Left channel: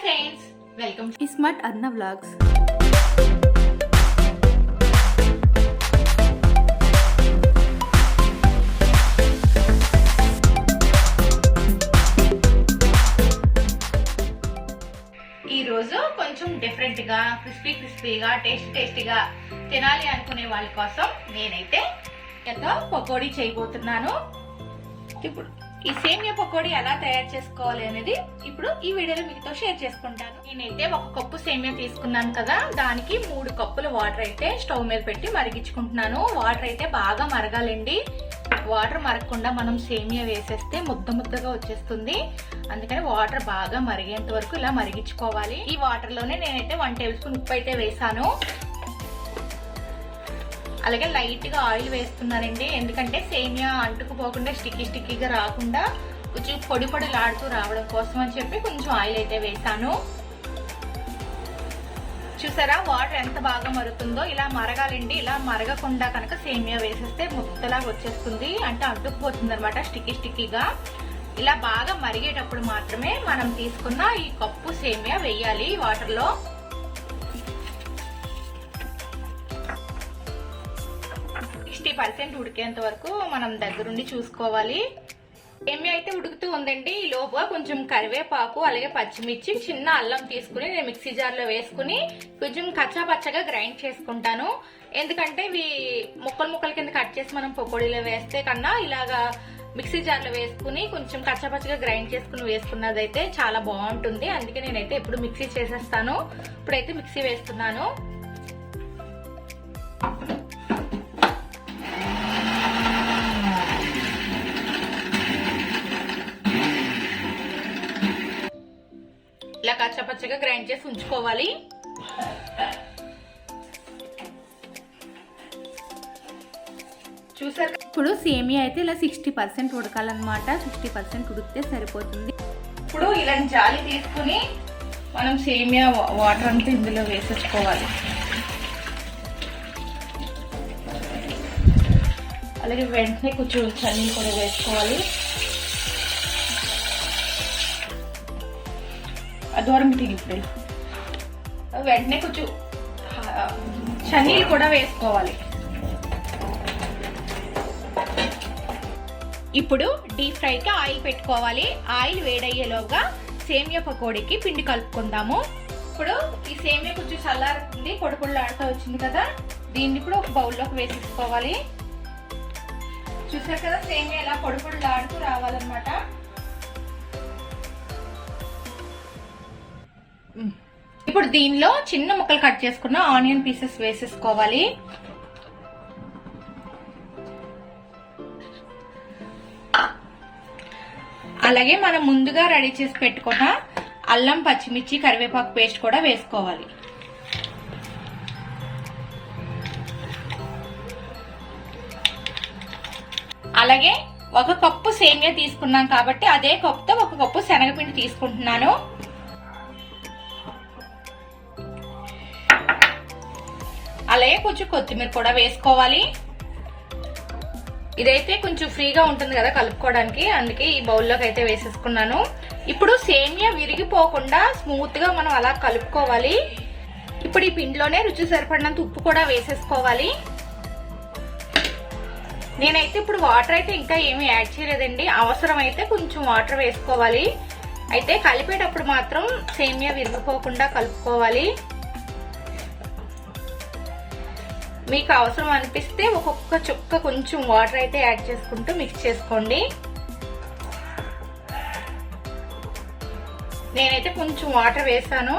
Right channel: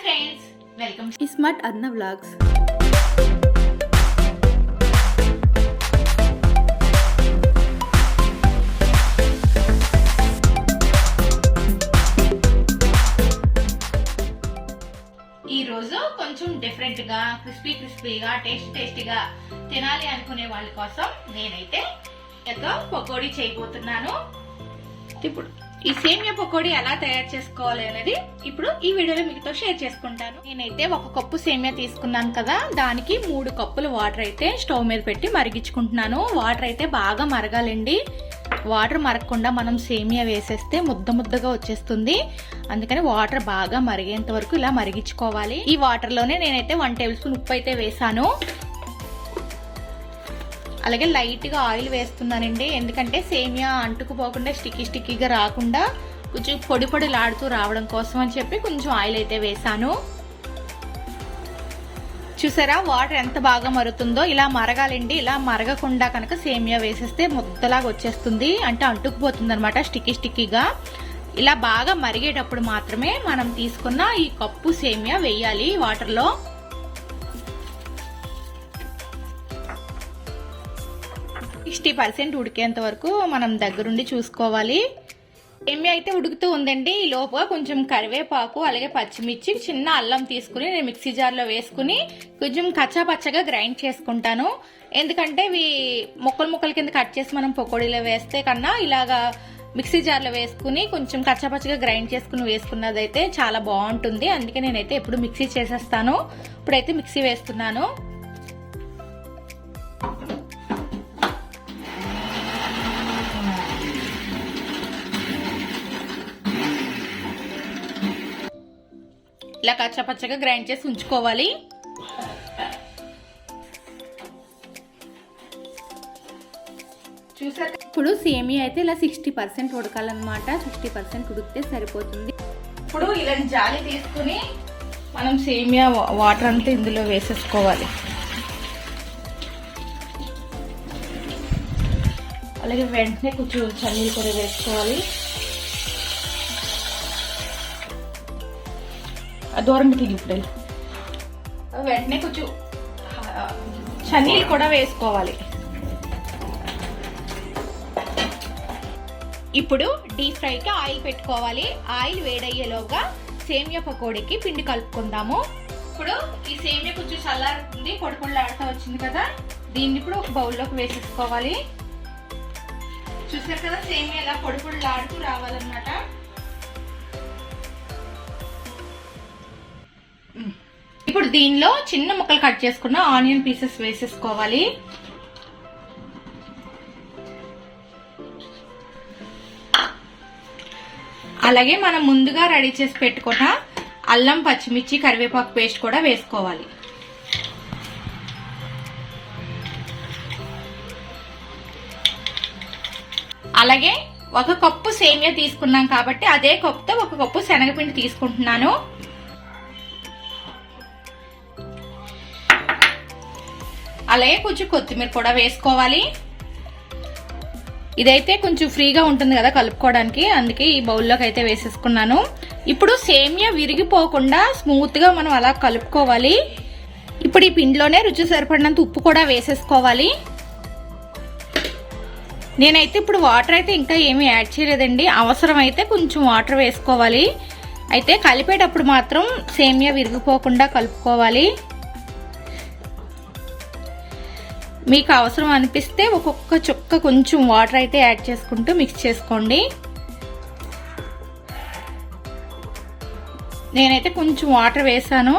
Friends welcome smart Anna vlogs ఈ రోజు కొంచెం డిఫరెంట్గా క్రిస్పీ క్రిస్పీగా టేస్ట్ టేస్టీగా తినాలి అనుకునే వాళ్ళ కోసం నేనైతే ఎంతో పకోడీ చేయబోతున్నాను. ఇప్పుడు ఈ సేమియా పకోడీ ఎలా తయారు చేసుకోవాలి అనేది ఇప్పుడు ఈ వీడియోలో మీతో షేర్ చేసుకుంటాను. నేనైతే ఒక కప్పు సేమియా తీసుకున్నాను కదా దానికి మూడు కప్పులు వాటర్ అయితే స్టవ్ మీద పెట్టి మరిగించుకుంటున్నాను. వాటర్ అయితే బాగా మరగాలండి. వాటర్ మరగకుండా మనం సేమియా వేసేస్తే ముద్ద ముద్దగా వచ్చేస్తుంది. అందుకని వాటర్ బాగా మరిగేంత వరకు ఇలా మరిగించుకోవాలి. ఈ వాటర్లోనే నేనైతే వన్ టేబుల్ స్పూన్ ఉప్పు అయితే వేసాను. అలాగే లైట్గా ఆయిల్ వేస్తున్నానండి ఎందుకంటే సేమియా అంటుకుపోకుండా స్టిక్కీ స్టిక్కీగా రాకుండా కొంచెం పొడి పొడిలాడుతూ రావడం కోసం అని చెప్పి కొంచెం ఆయిల్ అయితే వేసాను చూసారా? వాటర్ ఎంత బాగా మరుగుతుందో ఇలా మరగాలండి. ఇలా మరగకుండా కనుక సేమియా వేసేస్తే ముద్దలాగా వచ్చేస్తుంది. అంటే అంటుకుపోతుంది అనమాట స్టిక్కీ స్టిక్కీగా. ఇలా బాగా మరిగేటప్పుడు మాత్రమే మనం తీసుకున్న ఈ కప్పు సేమియా వేయాలి వాటర్లో. సిక్స్టీ పర్సెంట్ ఉడికేంత వరకు మనం దగ్గరుండి చూసుకోవాలి. ఏమి అయితే ఉడుకుతూ ఉందండి ఈ లోపల కొంచెం కరివేపాకు అలాగే పచ్చిమిర్చి చిన్న అల్లం తీసుకుని నేను మిక్సీ జార్లో వేసుకుని కొంచెం కచ్చా పచ్చగా గ్రైండ్ చేసుకుంటాను. ఎందుకంటే ఇవి ముక్కలు ముక్కల కింద కట్ చేసి మనం పకోడీలో వేస్తే కన్నా ఇలాగా మిక్సీ జార్లో వేసుకుని కొంచెం కచ్చాపచ్చగా గ్రైండ్ చేసుకుని వేసుకున్నదైతే చాలా బాగుంటుంది. అందుకే నేనైతే ఎప్పుడు మిక్సీ చేసేస్తాను. ఇప్పుడైతే మిక్సీ వేస్తున్నాను. ఇలా కచ్చపచ్చగా గ్రైండ్ చేసి ఉంచుకోవాలి. చూసారు ఇప్పుడు సేమియా అయితే ఇలా సిక్స్టీ పర్సెంట్ ఉడకాలన్నమాట. సిక్స్టీ పర్సెంట్ ఉడికితే సరిపోతుంది. ఇప్పుడు ఇలా జాలి తీసుకుని మనం సేమియా వాటర్ అంతా ఇందులో వేసేసుకోవాలి. అలాగే వెంటనే కొంచెం చన్నీళ్ళు కూడా వేసుకోవాలి. దూరం ఇప్పుడు వెంటనే కొంచెం చనీలు కూడా వేసుకోవాలి. ఇప్పుడు డీప్ ఫ్రైకి ఆయిల్ పెట్టుకోవాలి. ఆయిల్ వేడయ్యేలోగా సేమియా పకోడీకి పిండి కలుపుకుందాము. ఇప్పుడు ఈ సేమియా కొంచెం చల్లారుతుంది పొడి పొడిలాడుతూ వచ్చింది కదా దీన్ని ఇప్పుడు ఒక బౌల్లోకి వేసేసుకోవాలి. చూసారు కదా సేమియా ఇలా పొడి పొడిలాడుతూ రావాలన్నమాట. ఇప్పుడు దీనిలో చిన్న ముక్కలు కట్ చేసుకున్న ఆనియన్ పీసెస్ వేసేసుకోవాలి. అలాగే మనం ముందుగా రెడీ చేసి పెట్టుకున్న అల్లం పచ్చిమిర్చి కరివేపాకు పేస్ట్ కూడా వేసుకోవాలి. అలాగే ఒక కప్పు సేమియా తీసుకున్నాం కాబట్టి అదే కప్పుతో ఒక కప్పు శనగపిండి తీసుకుంటున్నాను. అలాగే కొంచెం కొత్తిమీర కూడా వేసుకోవాలి. ఇదైతే కొంచెం ఫ్రీగా ఉంటుంది కదా కలుపుకోవడానికి అందుకే ఈ బౌల్లోకి అయితే వేసేసుకున్నాను. ఇప్పుడు సేమియా విరిగిపోకుండా స్మూత్గా మనం అలా కలుపుకోవాలి. ఇప్పుడు ఈ పిండిలోనే రుచి సరిపడినంత ఉప్పు కూడా వేసేసుకోవాలి. నేనైతే ఇప్పుడు వాటర్ అయితే ఇంకా ఏమీ యాడ్ చేయలేదండి. అవసరం అయితే కొంచెం వాటర్ వేసుకోవాలి. అయితే కలిపేటప్పుడు మాత్రం సేమియా విరిగిపోకుండా కలుపుకోవాలి. మీకు అవసరం అనిపిస్తే ఒక్కొక్క చుక్క కొంచెం వాటర్ అయితే యాడ్ చేసుకుంటూ మిక్స్ చేసుకోండి. నేనైతే కొంచెం వాటర్ వేసాను.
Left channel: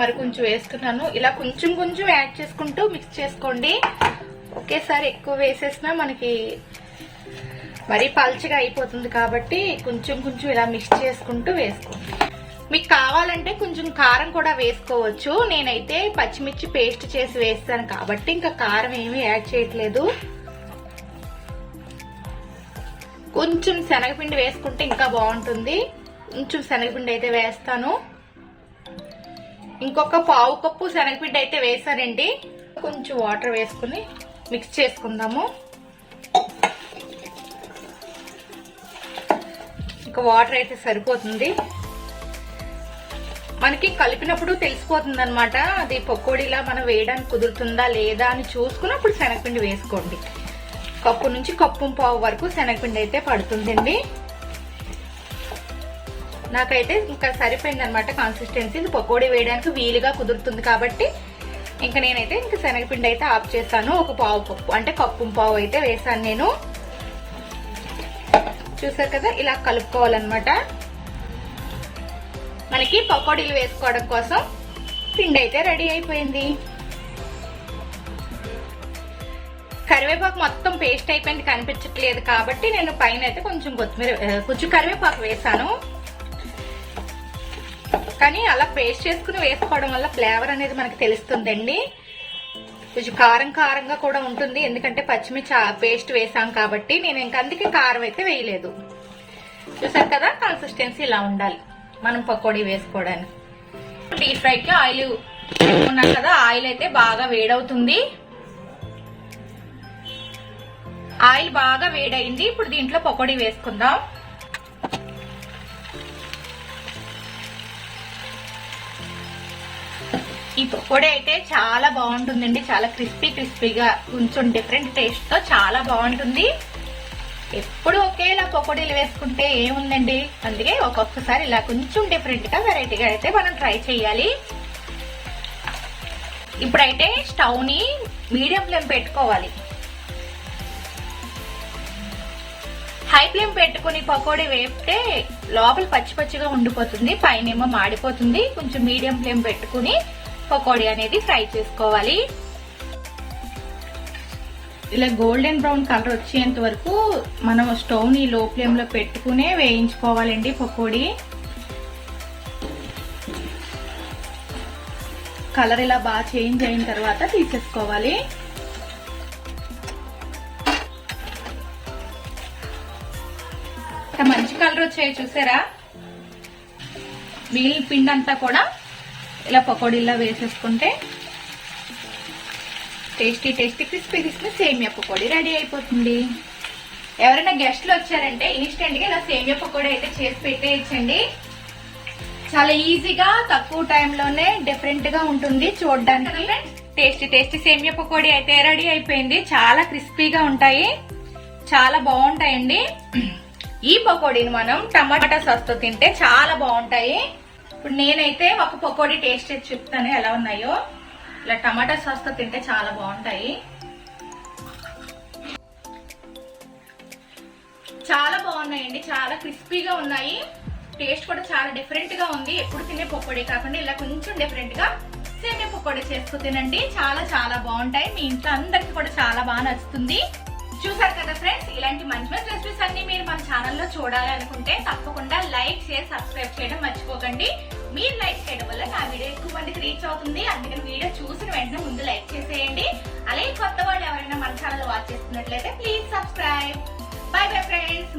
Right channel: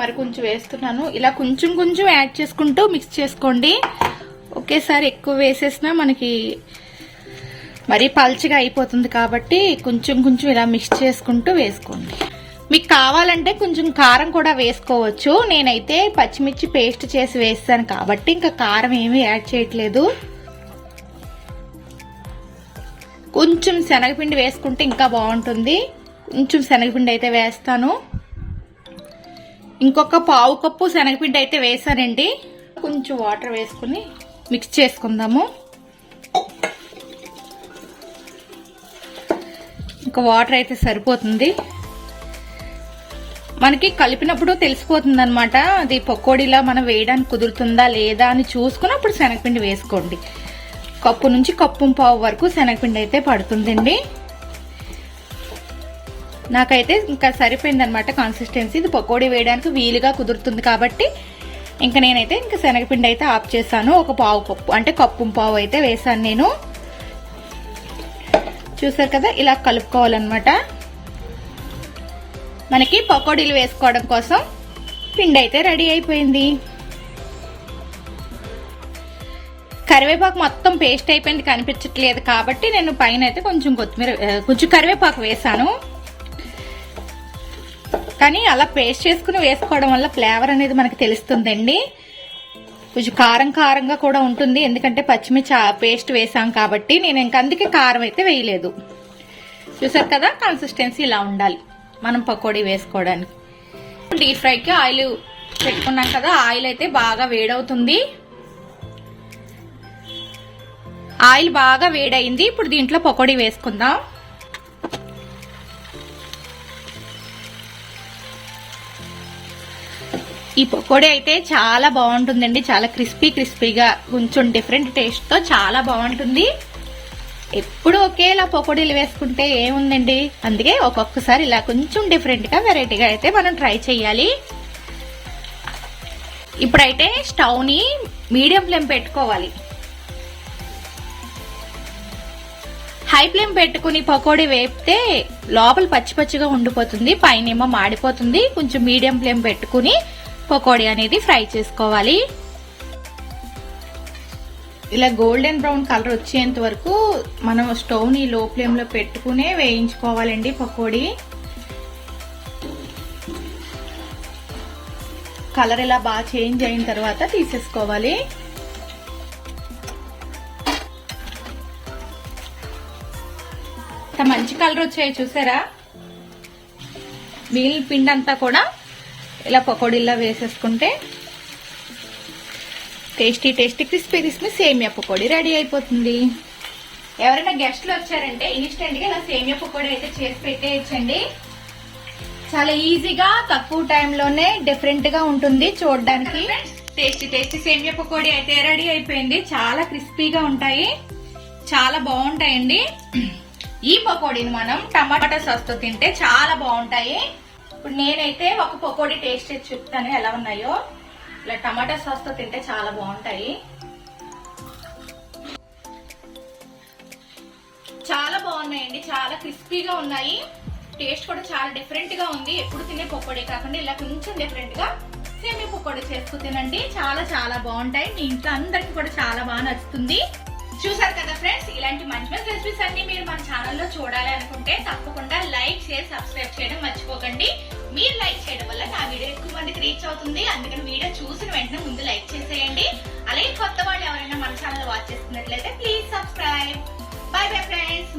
మరి కొంచెం వేస్తున్నాను. ఇలా కొంచెం కొంచెం యాడ్ చేసుకుంటూ మిక్స్ చేసుకోండి. ఒకేసారి ఎక్కువ వేసేసినా మనకి మరీ పల్చగా అయిపోతుంది కాబట్టి కొంచెం కొంచెం ఇలా మిక్స్ చేసుకుంటూ వేసుకోండి. మీకు కావాలంటే కొంచెం కారం కూడా వేసుకోవచ్చు. నేనైతే పచ్చిమిర్చి పేస్ట్ చేసి వేస్తాను కాబట్టి ఇంకా కారం ఏమీ యాడ్ చేయట్లేదు. కొంచెం శనగపిండి వేసుకుంటే ఇంకా బాగుంటుంది. కొంచెం శనగపిండి అయితే వేస్తాను. ఇంకొక పావు కప్పు శనగపిండి అయితే వేసానండి కొంచెం వాటర్ వేసుకుని మిక్స్ చేసుకుందాము ఇంకా వాటర్ అయితే సరిపోతుంది. మనకి కలిపినప్పుడు తెలిసిపోతుంది అనమాట అది పకోడీలా మనం వేయడానికి కుదురుతుందా లేదా అని చూసుకుని అప్పుడు శనగపిండి వేసుకోండి. కప్పు నుంచి కప్పు పావు వరకు శనగపిండి అయితే పడుతుందండి. నాకైతే ఇంకా సరిపోయింది అనమాట కన్సిస్టెన్సీ ఇది పకోడీ వేయడానికి వీలుగా కుదురుతుంది కాబట్టి ఇంకా నేనైతే ఇంకా శనగపిండి అయితే ఆఫ్ చేశాను. ఒక పావు పప్పు అంటే కప్పు పావు అయితే వేసాను నేను. చూసారు కదా ఇలా కలుపుకోవాలన్నమాట. మనకి పకోడీలు వేసుకోవడం కోసం పిండి అయితే రెడీ అయిపోయింది. కరివేపాకు మొత్తం పేస్ట్ అయిపోయింది కనిపించట్లేదు కాబట్టి నేను పైన అయితే కొంచెం కొత్తిమీర కొంచెం కరివేపాకు వేసాను కానీ అలా పేస్ట్ చేసుకుని వేసుకోవడం వల్ల ఫ్లేవర్ అనేది మనకి తెలుస్తుందండి. కొంచెం కారం కారంగా కూడా ఉంటుంది. ఎందుకంటే పచ్చిమిర్చి పేస్ట్ వేసాం కాబట్టి నేను ఇంక అందుకే కారం అయితే వేయలేదు. చూసారు కదా? కన్సిస్టెన్సీ ఇలా ఉండాలి. మనం పకోడీ వేసుకోవడానికి. డీప్ ఫ్రైకి ఆయిల్ పెట్టుకున్నాం కదా? ఆయిల్ అయితే బాగా వేడవుతుంది. ఆయిల్ బాగా వేడైంది ఇప్పుడు దీంట్లో పకోడీ వేసుకుందాం. ఈ పకోడీ అయితే చాలా బాగుంటుందండి. చాలా క్రిస్పీ క్రిస్పీగా కొంచెం డిఫరెంట్ టేస్ట్తో చాలా బాగుంటుంది. ఎప్పుడు ఒకేలా పకోడీలు వేసుకుంటే ఏముందండి? అందుకే ఒక్కొక్కసారి ఇలా కొంచెం డిఫరెంట్గా వెరైటీగా అయితే మనం ట్రై చేయాలి. ఇప్పుడైతే స్టవ్ని మీడియం ఫ్లేమ్ పెట్టుకోవాలి. హై ఫ్లేమ్ పెట్టుకుని పకోడీ వేపితే లోపల పచ్చి పచ్చిగా ఉండిపోతుంది. పైనేమో మాడిపోతుంది. కొంచెం మీడియం ఫ్లేమ్ పెట్టుకుని పకోడీ అనేది ఫ్రై చేసుకోవాలి. ఇలా గోల్డెన్ బ్రౌన్ కలర్ వచ్చేంత వరకు మనం స్టవ్ని లో ఫ్లేమ్లో పెట్టుకునే వేయించుకోవాలండి పకోడీ. కలర్ ఇలా బాగా చేంజ్ అయిన తర్వాత తీసేసుకోవాలి. మంచి కలర్ వచ్చాయి చూసారా? మిగిలిన పిండి అంతా కూడా ఇలా పకోడీలా వేసేసుకుంటే టేస్టీ టేస్టీ క్రిస్పీ క్రిస్పీ సేమియా పకోడీ రెడీ అయిపోతుంది. ఎవరైనా గెస్ట్లు వచ్చారంటే ఇన్స్టెంట్గా ఇలా సేమియా పకోడీ అయితే చేసి పెట్టేయచ్చండి. చాలా ఈజీగా తక్కువ టైంలోనే డిఫరెంట్గా ఉంటుంది చూడడానికి. టేస్టీ టేస్టీ సేమియా పకోడీ అయితే రెడీ అయిపోయింది. చాలా క్రిస్పీగా ఉంటాయి. చాలా బాగుంటాయండి. ఈ పకోడీని మనం టమాటా సాస్తో తింటే చాలా బాగుంటాయి. ఇప్పుడు నేనైతే ఒక పకోడీ టేస్ట్ చేసి చెప్తాను ఎలా ఉన్నాయో. ఇలా టమాటా సాస్తో తింటే చాలా బాగుంటాయి. చాలా బాగున్నాయండి చాలా క్రిస్పీగా ఉన్నాయి. టేస్ట్ కూడా చాలా డిఫరెంట్గా ఉంది. ఎప్పుడు తినే పకోడీ కాకుండా ఇలా కొంచెం డిఫరెంట్గా సేమియా పకోడీ చేసుకు తినండి. చాలా చాలా బాగుంటాయి. మీ ఇంట్లో అందరికి కూడా చాలా బాగా నచ్చుతుంది. చూసారు కదా ఫ్రెండ్స్ ఇలాంటి మంచి మంచి రెసిపీస్ అన్ని మీరు మన ఛానల్లో చూడాలి అనుకుంటే తప్పకుండా లైక్ చేసి సబ్స్క్రైబ్ చేయడం మర్చిపోకండి. మీరు లైక్ చేయడం వల్ల నా వీడియో ఎక్కువ మందికి రీచ్ అవుతుంది. అందుకని వీడియో చూసిన వెంటనే ముందు లైక్ చేసేయండి. అలాగే కొత్త వాళ్ళు ఎవరైనా మన ఛానల్ వాచ్ చేస్తున్నట్లయితే please subscribe bye bye friends